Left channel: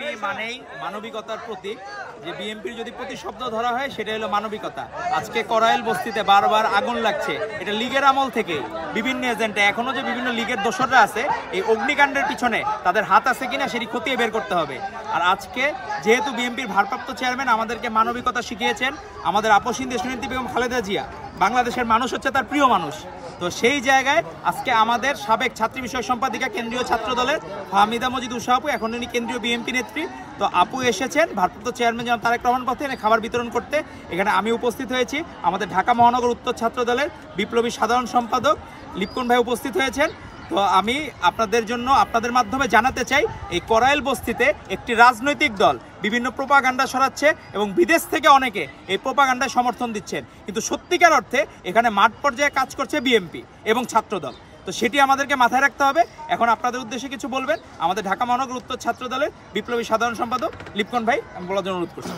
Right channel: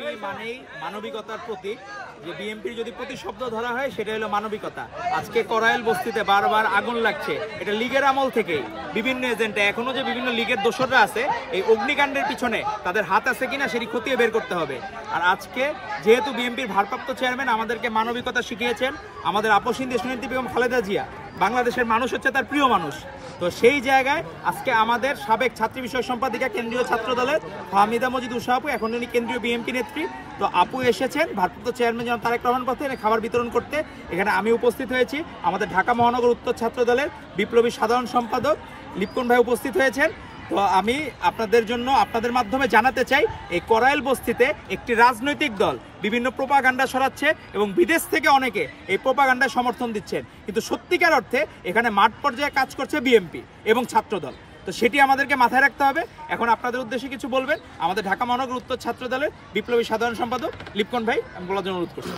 BNP মানেই মানবিকতার প্রতীক। যে বিএনপির যদি প্রতিশব্দ ধরা হয় সেটা হলো মানবিকতা। আজকে করাইল বস্তিতে বারবার আগুন লাগছে, এটা লীগের আমল থেকেই বিভিন্ন এজেন্টে এখনো যে বিভিন্ন লীগের দোসররা আছে এই অগ্নিকাণ্ডের পিছনে তাদের হাত আছে কিনা সেটি খতিয়ে বের করতে হবে। আর আজকে যেহেতু বিএনপির ভারপ্রাপ্ত চেয়ারম্যান আমাদেরকে মানবিকতা শিখিয়েছেন, আমাদের আপসহীন দেশনেত্রী বেগম খালেদা জিয়া, বাংলাদেশের মানুষ হচ্ছে তার প্রিয় মানুষ। তো সেই জায়গায় আজকে আমাদের সাবেক ছাত্রী বিষয়ক সম্পাদিকা কেন্দ্রীয় ছাত্র দলের ফাহমিদা মজিদ উষা আপু, এখন উনি কেন্দ্রীয় বিএনপি নেত্রী, তো আপু এসেছেন ভারপ্রাপ্ত চেয়ারম্যান যেমন তারেক রহমান পথে খাবার বিতরণ করতে। এখানে আমি উপস্থিত হয়েছি, আমাদের ঢাকা মহানগর উত্তর ছাত্র দলের বিপ্লবী সাধারণ সম্পাদক লিপকন ভাই উপস্থিত হয়েছেন। তো আমি আপনাদের জন্য আপনাদের মাধ্যমে জানাতে চাই, এই করাইল বস্তিতে একটি রাজনৈতিক দল বিভিন্ন প্রোপাগান্ডা ছড়াচ্ছে এবং বিদেশ থেকে অনেকে এই প্রোপাগান্ডায় সমর্থন দিচ্ছেন, কিন্তু সত্যিকার অর্থে এখানে মাঠ পর্যায়ে কাজ করছে বিএনপি এবং ছাত্রদল। তো সেটি আমাদেরকে মাথায় রাখতে হবে। এখন আপনাদের উদ্দেশ্যে কিছু বলবেন আমাদের ঢাকা মহানগর উত্তর ছাত্র দলের বিপ্লবী সাধারণ সম্পাদক লিপকন ভাই, আমি বলার জন্য অনুরোধ করছি।